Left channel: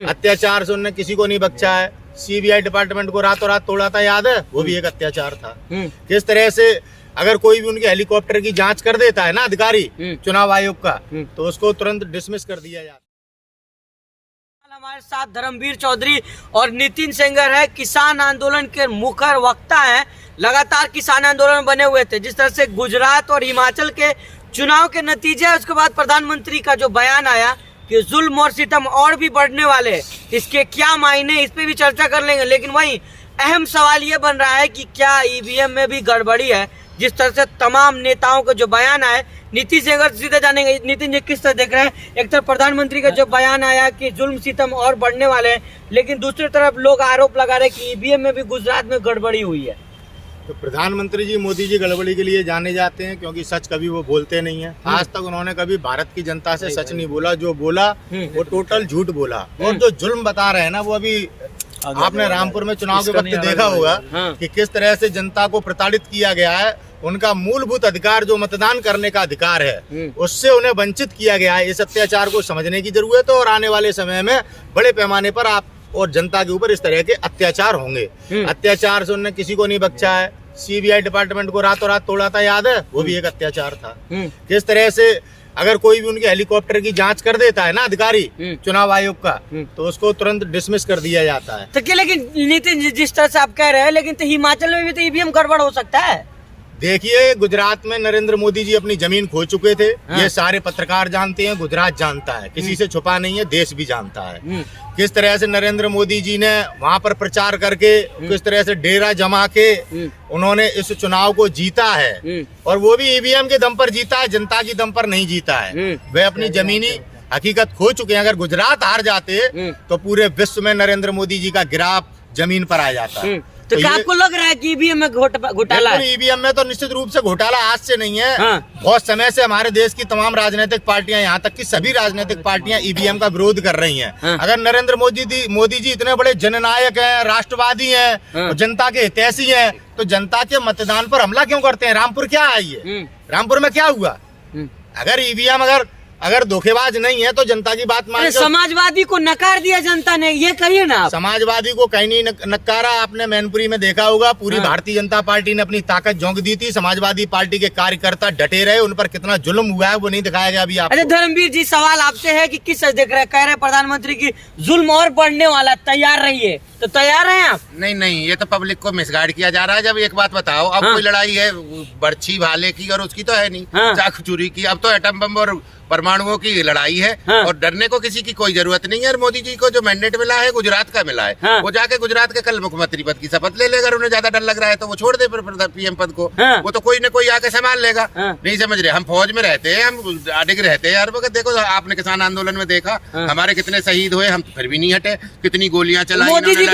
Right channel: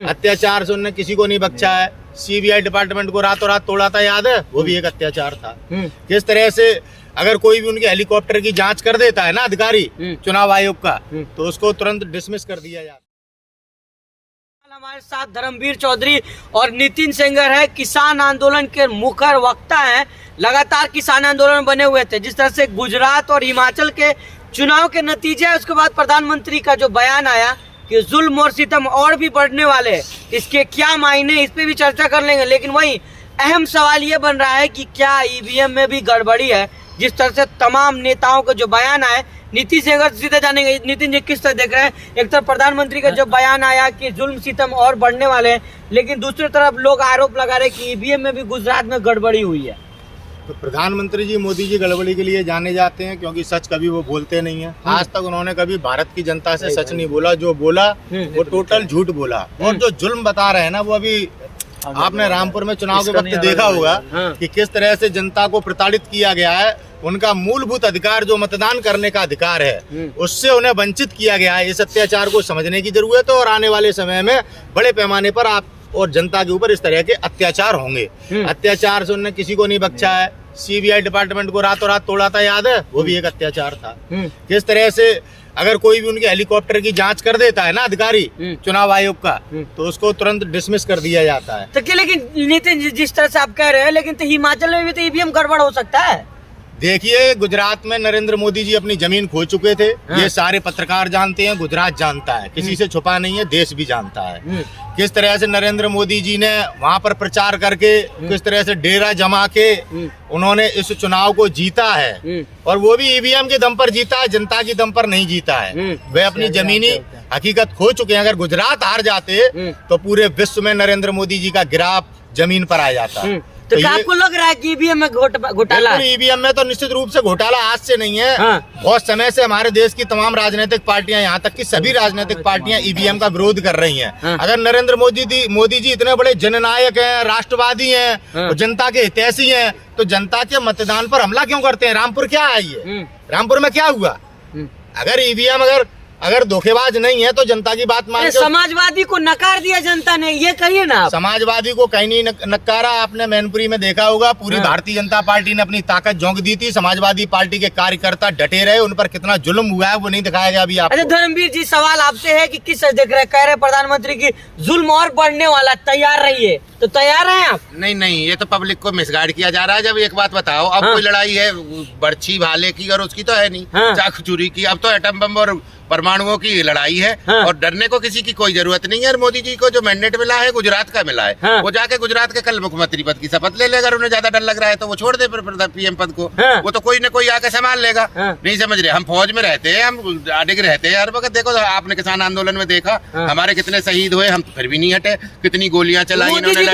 अत्याचार से उन्होंने किसी को नहीं बख्शा है। सीबीआई डिपार्टमेंट को रातों रात तोड़ा था, याद है? वो भी एक अत्याचार था। किस तरह से अगर कोई भी उनके हेलीकॉप्टर की जांच कर देता है ना अधिकारी चुनाव आयोग का, तो उसको तुरंत डिसमिस कर दिया जाता है। हमारे साथ धर्मवीर चौधरी और नितिन सेंगर है, किसान आंदोलन के मुखर वक्ता हैं। लगातार किसान आंदोलन बने हुए थे। जिस तरह से गुजरात और हिमाचल के चुनाव के नतीजे, उसके बाद प्रधानमंत्री का जो बयान आया कि जुल्म और सितम और भी बढ़ने वाले, इसके क्या मायने, इस पे भी चर्चा कर लेंगे। लेकिन वही अहम सवाल ये बन रहा है कि क्या ईवीएम में भी गड़बड़ी है। जिस तरह से तमाम नेताओं का जो बयान आए, नीतीश सेंगर सीधे जानेंगे। नितिन जी, किस तरह देख रहे हैं? एक तरफ प्रधानमंत्री का जो बयान आया कि जुल्म सितम और बढ़ने वाले हैं, लेकिन दूसरी तरफ लोग आरोप लगा रहे हैं कि ईवीएम में भी गुजरात में गड़बड़ी हुई है। तो प्रधानमंत्री जी, मोदी जी गड़बड़ी के लिए जाने जाते हैं क्योंकि सच कभी वो बोलते नहीं है। आज तक उन्होंने कभी भारत की जनता से सच नहीं बोला। जो बोला वो टोटल झूठ बोला। और जो जुल्म बता रहे हैं ना, वो अभी आपने रामपुर में चुनाव के वक्त देखा होगा कि किस तरह से जनता को प्रताड़ित किया गया है। उनका मूलभूत अधिकार जो मतदान करने का अधिकार है, उससे उन्हें वंचित किया गया है। इस अत्याचार को समझने की जरूरत है और आने वाले समय में बड़े पैमाने पर आप और जनता के ऊपर इस तरह के अत्याचार होंगे। अत्याचार से उन्होंने किसी को नहीं बख्शा है। सीबीआई डिपार्टमेंट को रातों रात तोड़ा था, याद है? वो भी एक अत्याचार था। किस तरह से अगर कोई भी उनके हेलीकॉप्टर की जांच कर देता है ना अधिकारी चुनाव आयोग का, तो उसको तुरंत डिसमिस कर दिया जाता है। तो क्या, लेकिन नितिन जी, जिस तरह से आप कह रहे हैं, लेकिन तो हिमाचल में भी तो ईवीएम गड़बड़ हो सकता है। देखिए, गुजरात में नरेंद्र मोदी जी अपनी जमीन खो चुके थे। ये सारे पत्रकार जानते हैं, गुजरात जानता है, किसी से छुपा नहीं है, देश भी जानता है। किस तरह से नरेंद्र मोदी जी ने वहां पर प्रचार करके, किस तरह से डेरा जमा के उन्होंने इस चुनाव को जीता है। और वो भी ईवीएम के दम पर जीता है, जनता की दम पर नहीं जीता है। वे अपनी जमीनी हकीकत खो चुके हैं। अगर गुजरात हार जाते तो पूरे विश्व में नरेंद्र मोदी जी का गिराफ जमीन पर आ जाता। तो क्या आपको लग रहा है कि ईवीएम में घोटाला है? ईवीएम में तो निश्चित रूप से घोटाला आज से नहीं है। बहुत समय से हमारे देश की तमाम राजनीतिक पार्टियां, यहाँ तक कि सभी राजनीतिक पार्टियां ईवीएम का विरोध कर रही हैं। अगर नरेंद्र मोदी जी इतने बड़े जननायक हैं, राष्ट्रवादी हैं, जनता के हितैषी हैं, तो जनता के मतदान पर हमला क्यों करते हैं? रामपुर क्या है ये? रामपुर में क्या हुआ? अगर ईवीएम अगर धोखेबाज नहीं है तो जनता की बात मान। समाजवादी को नकार दिया जनता ने, ये कहिए ना। समाजवादी को कहीं नहीं नकारा। आपने मैनपुरी में देखा होगा, पूरी भारतीय जनता पार्टी ने अपनी ताकत झोंक दी थी। समाजवादी पार्टी के कार्यकर्ता डटे रहे, उन पर कितना जुल्म हुआ है वो नहीं दिखाया गया अभी आपको। अरे धर्मवीर जी, सवाल आपसे है कि किस देख रहे हैं? कह रहे प्रधानमंत्री की जुल्म और बढ़ने वाला, तैयार रहिए। तो तैयार हैं आप? नहीं, ये तो पब्लिक को मिसगाइड किया जा रहा है। जब एक बात बताओ, अब कोई लड़ाई है बर्छी भाले की और उसकी तो है नहीं, चाकू चूरी की। अब तो एटम बम और परमाणुओं की लड़ाई है। और डरने को किसी की कोई जरूरत नहीं है। और मोदी जी को जो मैंडेट मिला है, गुजरात का मिला है, वो जाके गुजरात के कल मुख्यमंत्री पद की शपथ ले लेगा। उन्हें ज्यादा डर लग रहा है तो वो छोड़ दे पीएम पद को। वो तो कोई न कोई आके संभाल लेगा। नहीं समझ रहे? हम फौज में रहते हैं, हम अडिग रहते हैं हर वक्त। देखो, आपने किसान आंदोलन में देखा हमारे कितने शहीद हुए, हम तो फिर भी नहीं हटे। कितनी गोलियां चलाई इन्होंने।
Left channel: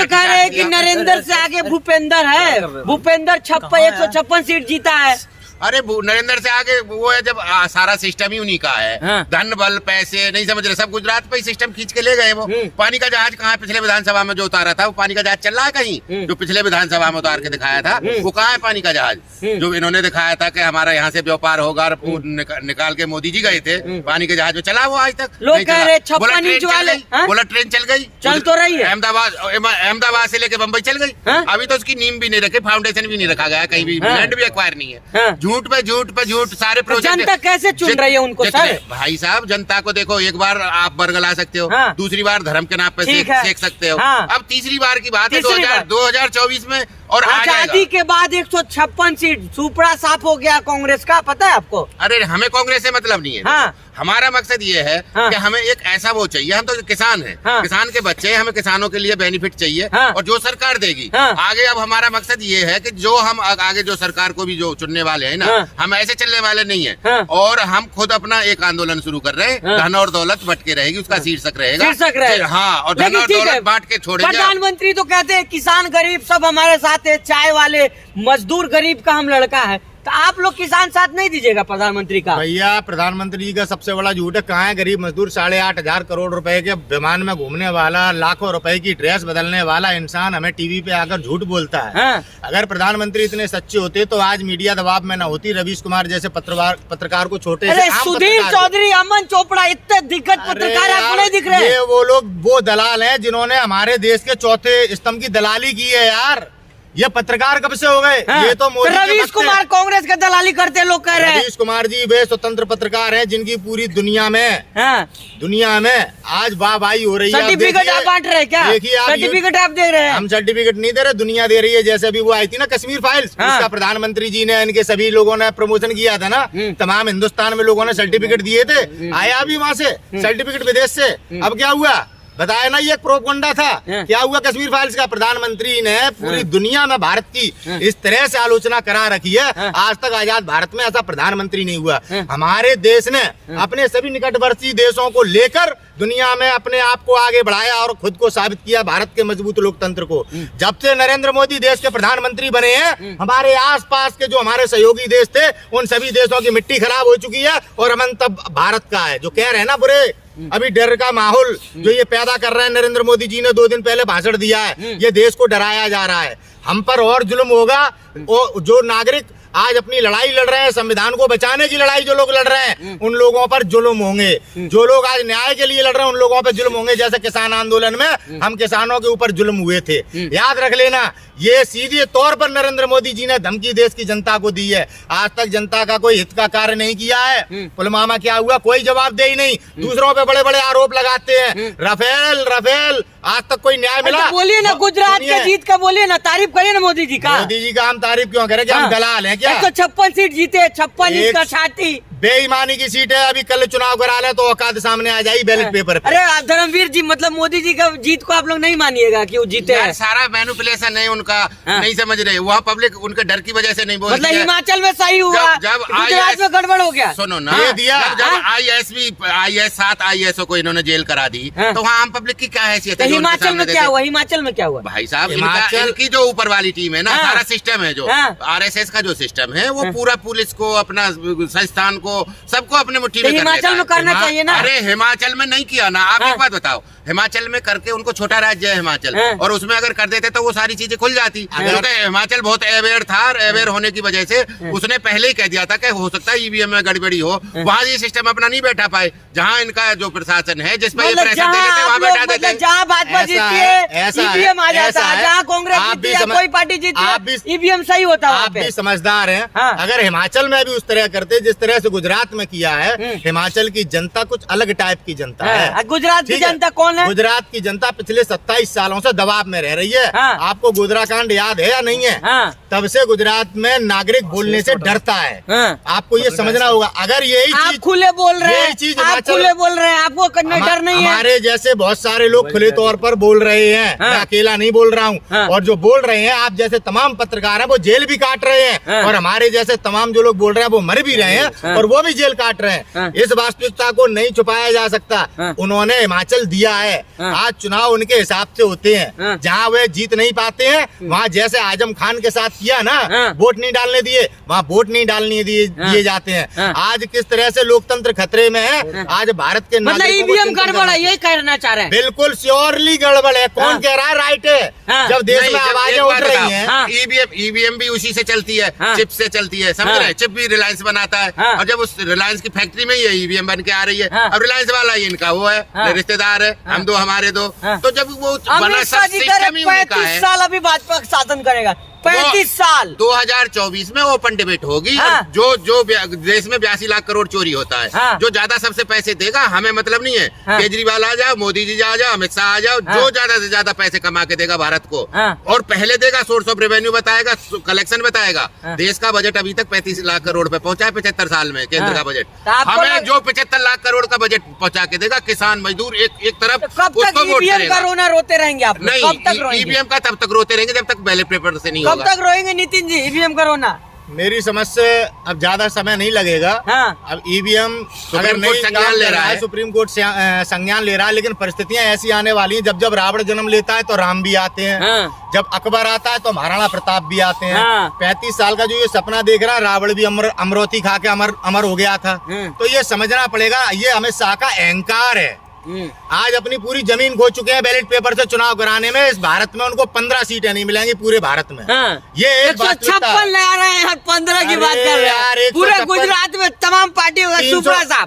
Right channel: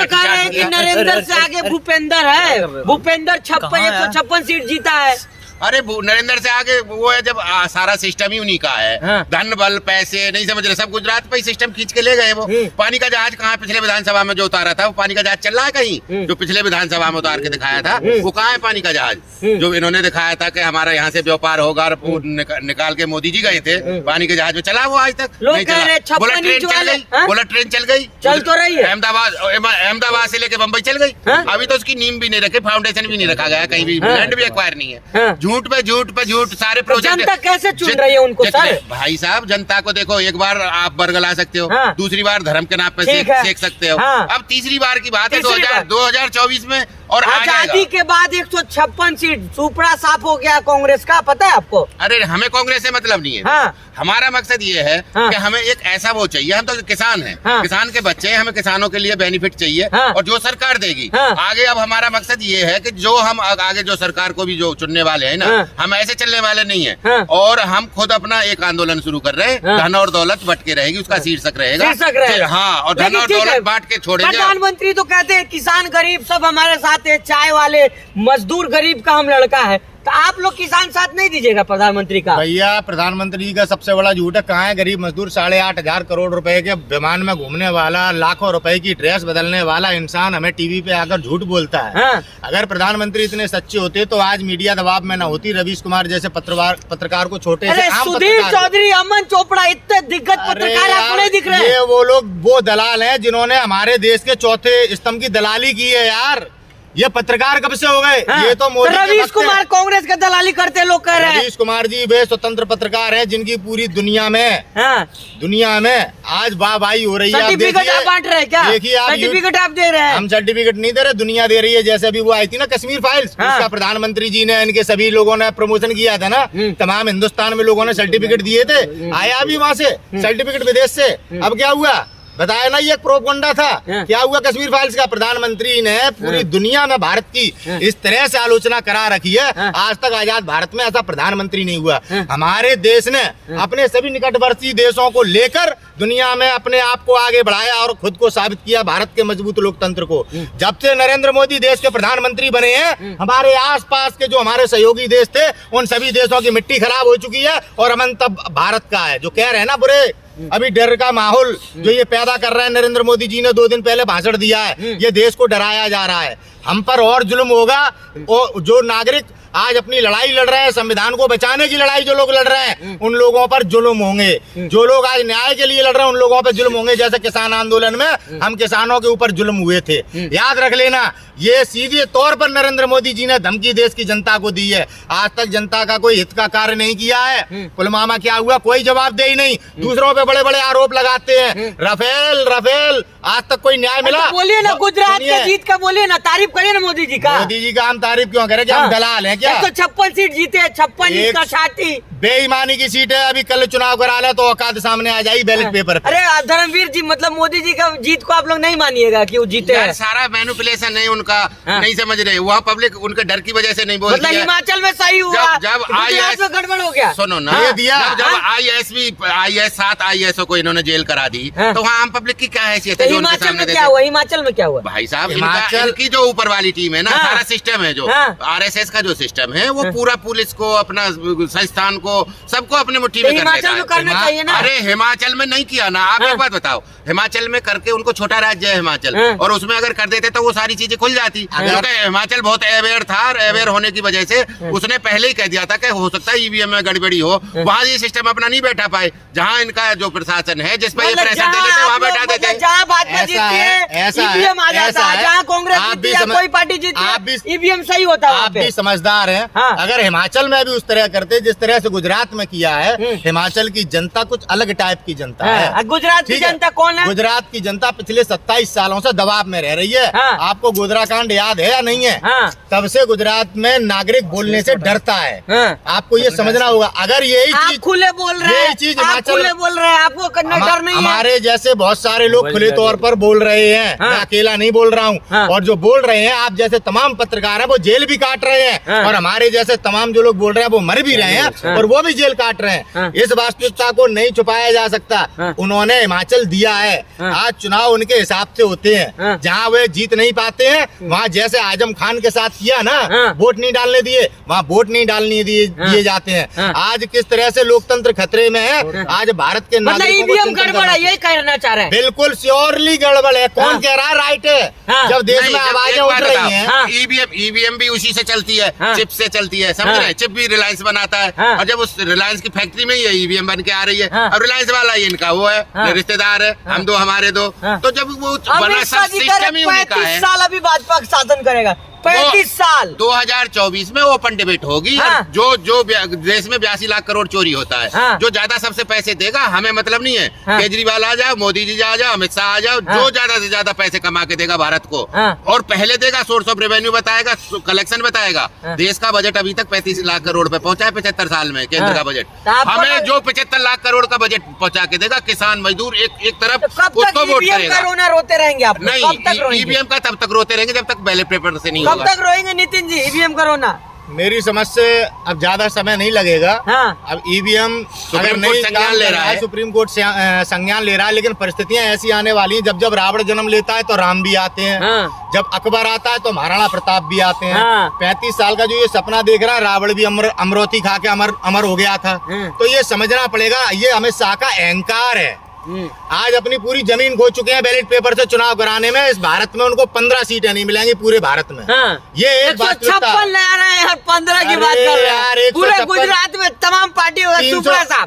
नरेंद्र से आगे भूपेंद्र है। भूपेंद्र 156 सीट जीता है। अरे नरेंद्र से आगे वो है, जब सारा सिस्टम ही उन्हीं का है। धन बल पैसे नहीं समझ रहे, सब गुजरात पे ही सिस्टम खींच के ले गए। वो पानी का जहाज कहाँ पिछले विधानसभा में जो उतारा था, वो पानी का जहाज चल रहा है कहीं? जो पिछले विधानसभा में उतार के दिखाया था, वो कहाँ है पानी का जहाज? जो इन्होंने दिखाया था कि हमारा यहाँ से व्यापार होगा, निकाल के मोदी जी गए थे पानी के जहाज में, चला वो आज तक नहीं चला। बोला ट्रेन चल गई, चल तो रही है। अहमदाबाद से लेके बम्बई चल गई। अभी तो उसकी नींव भी नहीं रखी, फाउंडेशन भी नहीं रखा गया, कहीं भी लैंड भी एक्वायर नहीं है। झूठ पे झूठ सारे प्रोजेक्ट। जनता कैसे चुन रही है उनको? भाई साहब, जनता को देखो, एक बार आप बरगला सकते हो, दूसरी बार धर्म के नाम पे सेक सकते हो। अब तीसरी बार की बात है 2024 में। और आजादी के बाद 156 सीट, सुपड़ा साफ हो गया कांग्रेस का, पता है आपको? अरे हमें कांग्रेस से मतलब नहीं है। हमारा मकसद ये है कि हमें एक ऐसा वो चाहिए। हम तो किसान हैं, किसान के बच्चे हैं, हमें किसानों के लिए बेनिफिट चाहिए और जो सरकार देगी आगे। अब हमारा मकसद ये है कि जो हम आगे जो सरकार को भी जो चुनने वाले हैं ना, हम ऐसे चलने वाले नहीं है। और हम खुद अपना एक आंदोलन शुरू कर रहे हैं। धन और दौलत बट के रहेगी, उसका शीर्षक रहेगा। हाँ, और धन और दौलत बांट के छोड़ेंगे। प्रधानमंत्री तो कहते हैं किसान गरीब सब हमारे साथ है, चाय वाले मजदूर गरीब का हम लड़का है। तो आप लोग किसान साथ नहीं दीजिएगा प्रधानमंत्री का? भैया प्रधानमंत्री जी का सबसे बड़ा झूठ है। कहाँ है गरीब मजदूर? 8,500 करोड़ रुपए के विमान में घूमने वाला, लाखों रुपए की ड्रेस बदलने वाला इंसान हमें टीवी पे आकर झूठ बोलता है। अगर प्रधानमंत्री इतने सच्चे होते तो आज मीडिया दबाव में न होती, रवीश कुमार जैसे पत्रकार को छोटे से आम सुधीर पत्रकार चौधरी, अमन चोपड़ा, इतने दिग्गज पत्रकार आपको नहीं दिख रहे हैं। ये वो लोग, वो दलाल हैं जिन्होंने हमारे देश के चौथे स्तंभ की दलाली की है यार। ये पत्रकार कब से हो गए? ये तो मोदी के रवीश वक्त से। कुमार कांग्रेस का दलाली करते लोग कह रहे हैं। रवीश कुमार जी वे स्वतंत्र पत्रकार हैं जिनकी पूरी दुनिया में आज वाहवाही हो रही है। सर्टिफिकेट आप बांट रहे हैं क्या? देखिए आप, सर्टिफिकेट आप दे रहे हैं? हम सर्टिफिकेट नहीं दे रहे, दुनिया दे रही है। जैसे अभी वो आई थी ना कश्मीर फाइल्स, उसका प्रधानमंत्री जी ने, इनके सभी लोगों ने प्रमोशन किया था ना, तमाम हिंदुस्तान में लोगों ने सर्टिफिकेट दिए थे। आया अभी वहाँ से सर्टिफिकेट विदेश से। अब क्या हुआ बताया ना, ये प्रोपगंडा था। क्या हुआ कश्मीर फाइल्स का? प्रधानमंत्री ने पूरी दुनिया में भारत की इस तरह से आलोचना करा रखी है, आज तक आजाद भारत में ऐसा प्रधानमंत्री नहीं हुआ। हमारे देश ने अपने सभी निकटवर्ती देशों को लेकर दुनिया में अपने आप को आगे बढ़ाया और खुद को साबित किया, भारत के मजबूत लोकतंत्र को। जब से नरेंद्र मोदी देश के प्रधानमंत्री बने हैं, हमारे आसपास के जो हमारे सहयोगी देश थे, उन सभी देशों की मिट्टी खराब हो चुकी है और अमन तब भारत का है। जो कह रहे हैं ना बुरे, अभी डर का माहौल जो ये पैदा कर रहे हैं, नरेंद्र मोदी जी ने 2 दिन पहले भाषण दिया है, ये देश को डराया जा रहा है। हम पर और जुल्म होगा। जो नागरिक आज अपनी लड़ाई लड़ रहे हैं, संविधान को बचाने की लड़ाई जो लोग लड़ रहे हैं, उन लोगों पर जुल्म होंगे। जो लोग आज न्याय के लिए लड़ रहे हैं, उन लोगों पर जुल्म होंगे। जैसे किसान आंदोलन में हम किसानों के ऊपर जुल्म हुए थे। याद रख लेना, ये सीधे तौर पर नरेंद्र मोदी जी ने धमकी देश की जनता को दी है। आज तक जनता का कोई हित का कार्य नहीं किया है। पुलवामा क्या हुआ? कोई जवाब दे ही नहीं। दूसरों पे बड़े बड़े आरोप लगाते हैं, रफेल, आज तक कोई न्याय मिला? बोलिए ना, गुजरात के जीत का बोलिए ना, तारीफ करिए ना मोदी जी का। मोदी जी का हम तारीफ क्यों करें? क्या हम दलाल हैं क्या? 156 सीट जीते, 56 इसका छाती। बेईमानी की सीट है। अभी कल चुनाव करा ले तो औकात सामने आ जाएगी बैलेट पेपर पे। अरे धर्मवीर जी, मतलब मोदी जी का जीत को आप लोग नहीं मानिएगा कि वो जीते यार, हैं? सारा मैनिपुलेशन है उनका। नहीं समझ रहे, वहाँ पब्लिक उनके डर की वजह से नहीं बोलती है। हिमाचल में सही हुआ, जब गुजरात में गड़बड़ हो गया। सुनो ना, जब IAS 7 IAS को इन्होंने जेल करा दी, तो वहाँ आम पब्लिक की क्या हैसियत है जो उनके सामने देखे? हिमाचल में क्या हुआ भाई साहब? इनकी जो ऊपर वाली टीम है ना, सारा सिस्टम है जो RSS का जो सिस्टम है, वो पूरा पुलिस को, अपना संस्थान को, सबको अपने मुट्ठी में कर लेता है। करना चाहिए ना। अरे हिमाचल में नहीं किया ना। आप एक बात बताओ, हिमाचल में करके, उनको छोटा राज्य है हिमाचल, और उसमें अगर कर देते तो वो सारी चीजें खुल जाती। क्योंकि हिमाचल बहुत अवेयर था, अवेयर होने की वजह से उसने पहले ही कह दिया था कि हो सकता है EVM में गड़बड़ी हो। वहाँ ये सिस्टम अपना नहीं बैठा पाए। जहाँ इनका जो प्रशासन है, जिस पर ये प्रेशर दे लेते, वहाँ बैठा देते। जहाँ भाजपा जीतती है EVM आ जाता है, जहाँ कांग्रेस जीतती है, कोई पार्टी जीतती है, EVM सही होता है। आप भी समझदार हैं। अगर हिमाचल में भी उस तरह करते जिस तरह से गुजरात में किया है, हिमाचल की जनता कुछ अलग टाइप की जनता है। गुजरात की जनता कौन है? गुजरात की जनता पिछले 27 सालों से दबाव में रह रही है। आपको गोधरा कांड याद है या नहीं है? तब से गुजरात में नागरिक बोलने से डरता है। आपको ये समझना होगा। अगर यही चीज खुले बोल रहे हैं, चीज खुले बोल रहे हैं, आपको करने डर नहीं है? हमारे जैसे बहुत सारे लोग खुले तौर पर बोल रहे हैं, मैं अकेला नहीं बोल रहा हूँ। और जो बोल रहे हैं, आप जैसे तमाम पत्रकार हैं, वो जेल भी काट रहे हैं, और हमारे जैसे तमाम जो लोग बोल रहे हैं वो मर भी रहे हैं, और वो भी जेल काट रहे हैं। इस वास्तविकता को नहीं छुपाया जा सकता। उन्होंने हिमाचल दिया है। आज चुनाव उनके हिसाब से होते हैं। जहाँ वे जीत नहीं पाते हैं, वहाँ जैसे आजम खान के साथ किया ना, वोट नहीं डालने दिए, वहाँ वोट नहीं डालने दिए जाते हैं। आज किस तरह से लोकतंत्र खतरे में है। आज भारत के नागरिकों को EVM गड़बड़ है, ये कहना चाह रहे हैं? बिल्कुल श्योरली गड़बड़ है। कौन कह रहा है राइट है? जब देश में आवाजें उठ रही हैं, EVM भी उसी से चलती है, चिप से चलती है, समझ रहे हैं? चिप भी रिलायंस बनाता है, और जब उस रिलायंस की फैक्ट्री में ही EVM बन के आ रही है। अब रिलायंस वाला ही इनका वो है, रिश्तेदार है, हम दो हमारे दो। तो जब वो बना, सब सिस्टम ही उनका है। 35 साल अभी भाजपा शासन करेगा, 35 साल। 2024 में ओपन डिबेट होगी। जो देश में 82 लाख करोड़ चोरी होता है, जो ज्यादा सबसे पैसे देगा, हमें मतलब नहीं है। केजरीवाल आ जाओ, मोदी जी आ जाओ, अमित शाह आ जाओ, जो ज्यादा से ज्यादा पैसे कमा के देगा भारत को, और पहले देगा, सोर्स ऑफ रेवेन्यू बताएगा, कलेक्शन बताएगा। देश का बजट अभी तक 35 लाख करोड़ पे पहुंचा है 75 साल में, केंद्र का बजट। हमें जो 75 लाख करोड़ का बजट पहुंचा के देगा, किसान मजदूर एक तरफ उसको वोट करेगा। रोते रहेंगे आप? नहीं, EVM का तब तक रोते रहेंगे जब तक बैलेट पेपर से नहीं होगा। कब तक रोएंगे नितिन जी EVM का रोना? मेरी समझ से अब ज्यादा समय नहीं लगेगा। हाँ। अब ईवीएम अगर नहीं संज्ञान ले रहा है, सुप्रीम कोर्ट से संज्ञान ले रहा है, लेकिन परिस्थितियां ऐसी आने वाली हैं, जब जब रावण जन्म लेता है तो राम भी आते हैं। हाँ। जब अकबर आता है तो महाराणा प्रताप भी आते हैं। हाँ। 35 साल का जो ये सपना देख रहा है, रावण भी अमरौती खा के अमर हो गया था। तो ये समझना पड़ेगा, ये अमित शाह का अहंकार है। आज अपनी पूरी जमीन खो चुके हैं बैलेट पेपर से चुनाव कराने में। इस भारत में उनको 15 सीटें नहीं मिलेंगी पूरे भारत में। हाँ। ये एक बात 156 ला रहे हैं, 15 की बात कर रहे हैं। पूरे गुजरात में तमाम पार्टी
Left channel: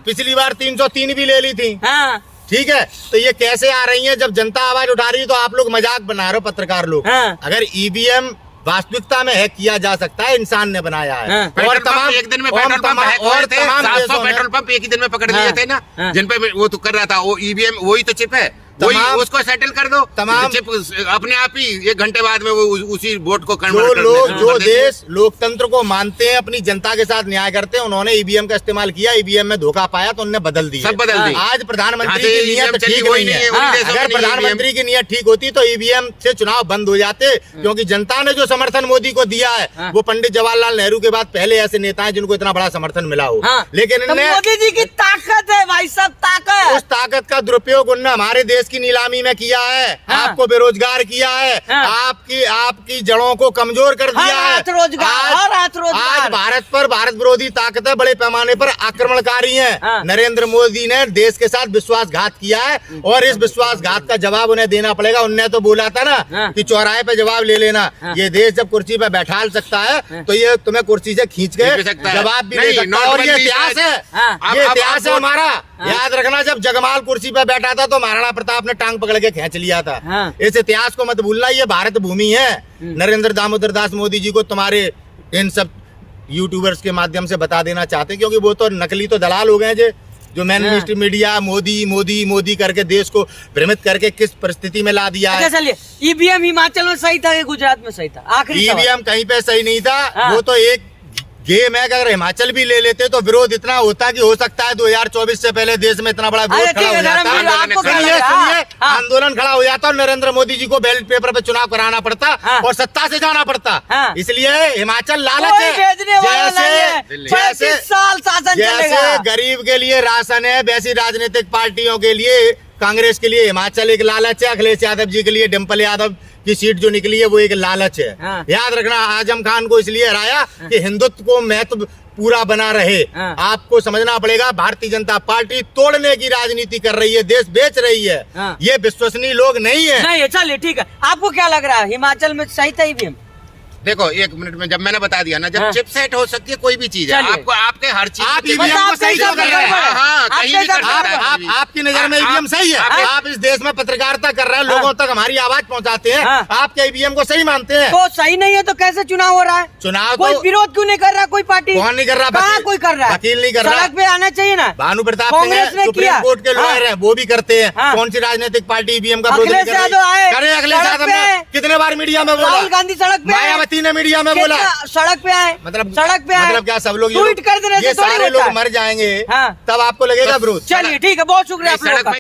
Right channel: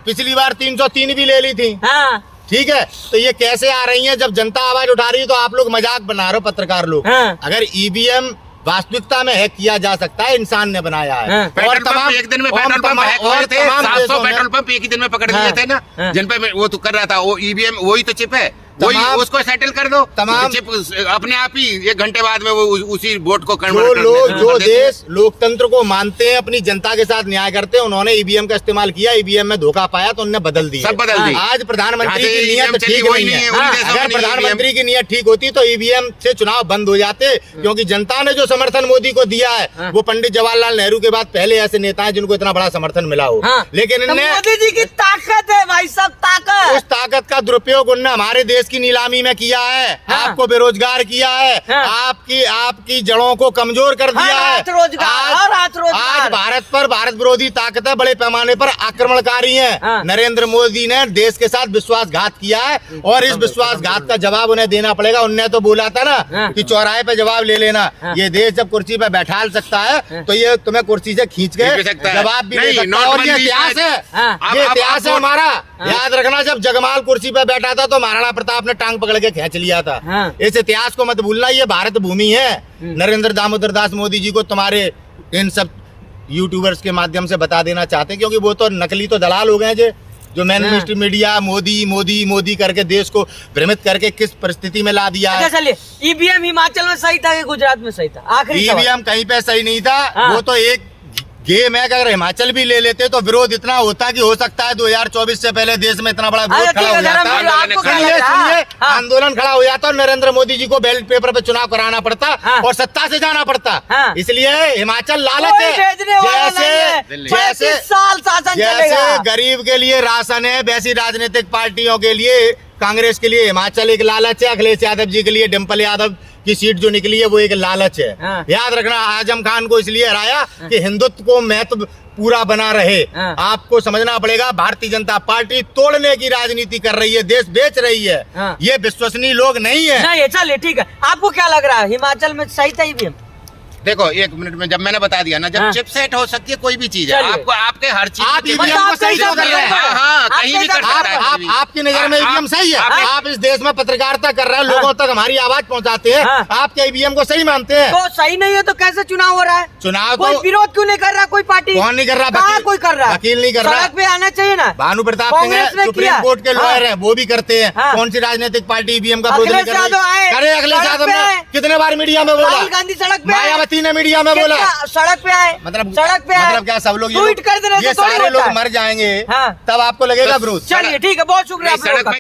पिछली बार 303 भी ले ली थी। हाँ। ठीक है, तो ये कैसे आ रही हैं? जब जनता आवाज उठा रही है तो आप लोग मजाक बना रहे हो, पत्रकार लोग। हाँ। अगर ईवीएम वास्तविकता में हैक किया जा सकता है, इंसान ने बनाया है। और तमाम एक दिन में पेट्रोल पंप हैक हुए थे, 700 पेट्रोल पंप एक ही दिन में पकड़ लिए थे ना, जिन पे वो तो कर रहा था, वो ईवीएम वही तो चिप है, वही उसको सेटल कर दो। तमाम चिप अपने आप ही 1 घंटे बाद में वो उसी वोट को जो देश लोकतंत्र को मानते हैं, अपनी जनता के साथ न्याय करते हैं, उन्होंने ईवीएम का इस्तेमाल किया, ईवीएम में धोखा पाया तो उन्होंने बदल दिया, सब बदल दिया। आज प्रधानमंत्री की नीयत ठीक नहीं है। अगर प्रधानमंत्री की नीयत ठीक होती तो ईवीएम से चुनाव बंद हो जाते, क्योंकि जनता ने जो समर्थन मोदी को दिया है वो पंडित जवाहरलाल नेहरू के बाद पहले ऐसे नेता हैं जिनको इतना बड़ा समर्थन मिला हो। लेकिन इनने मोदी जी की ताकत है भाई, सब ताकत, उस ताकत का दुरुपयोग उन्होंने हमारे देश की नीलामी में किया है। आपको बेरोजगार किया है, आपकी जड़ों को कमजोर कर दिया है। आज भारत विरोधी ताकतें बड़े पैमाने पर आक्रमणकारी हैं। नरेंद्र मोदी ने देश के साथ विश्वासघात किया है और इस विश्वासघात का जवाब उन्हें देना पड़ेगा। उन्होंने तो बोला था ना कि चौराहे पे जवाब ले लेना। ये देश जब कुर्सी पे बैठा सकता है तो ये तुम्हें कुर्सी से खींच के जवाब भी ले सकता है। और ये इतिहास है, ये इतिहास है हमारा। याद रखना, जब जगमाल कुर्सी पे बैठा था तो महाराणा प्रताप ने टांग पकड़ के खींच लिया था। इस इतिहास को मत भूलना, ये भारत भूमि है। नरेंद्र दामोदर दास मोदी जी को तुम्हारे इन सब यूट्यूबर्स के माध्यम से बता देना चाहते हैं, क्योंकि वो तो नकली तो दलाल हो गए जो main stream media Modi Modi Modi करके देश को भ्रमित करके किस परिस्थिति में ला दिया है। चलिए, ईवीएम हिमाचल में सही था कि गुजरात में सही था? आखिरी ईवीएम कहीं पे सही नहीं था। वो तो एक गेम है। अगर हिमाचल भी ले लेते तो विरोध इतना होता कि हो सकता है 2024 से पहले देश में इतना बड़ा विरोध खड़ा हो जाता। सुनिए, आंदोलन खड़ा हो जाता और नरेंद्र मोदी जी को बैलेट पेपर पे चुनाव कराना पड़ता और सत्ता से जाना पड़ता। इसलिए हिमाचल लालच है। जैसे गरीब के लिए राशन है, वैसी राजनीतिक पार्टियों के लिए, कांग्रेस के लिए हिमाचल एक लालच है। अखिलेश यादव जी के लिए डिम्पल यादव की सीट जो निकली है वो एक लालच है। याद रखना, आजम खान को इसलिए हराया कि हिंदुत्व को महत्व पूरा बना रहे। आपको समझना पड़ेगा, भारतीय जनता पार्टी तोड़ने की राजनीति कर रही है, देश बेच रही है। ये विश्वसनीय लोग नहीं है। नहीं, चलिए ठीक है। आपको क्या लग रहा है, हिमाचल में सही था ईवीएम? देखो, 1 मिनट में जब मैंने बता दिया ना, जब चिप सेट हो सकती है कोई भी चीज है, आपको आपके हर चीज कहीं भी कर सकता है। आपकी नजर में ईवीएम सही है? आप इस देश में पत्रकारिता कर रहे हैं, लोगों तक हमारी आवाज पहुंचाते हैं, आप क्या ईवीएम को सही मानते हैं? तो सही नहीं है तो कैसे चुनाव हो रहा है? चुनाव कोई विरोध क्यों नहीं कर रहा? कोई पार्टी कौन नहीं कर रहा? कोई कर रहा है, वकील नहीं कर रहा। सड़क पे आना चाहिए ना। भानु प्रताप सिंह सुप्रीम कोर्ट के लॉयर हैं, वो भी करते हैं। कौन सी राजनीतिक पार्टी ईवीएम का विरोध करे? अखिलेश यादव ने कितने बार मीडिया में बोला? राहुल गांधी सड़क पे, मायावती ने मीडिया में बोला, सड़क पे आए, सड़क पे मतलब क्या सब लोग ट्वीट कर दे रहे? ये सारे लोग मर जाएंगे तब आपको लगेगा विरोध? चलिए ठीक है, बहुत शुक्रिया।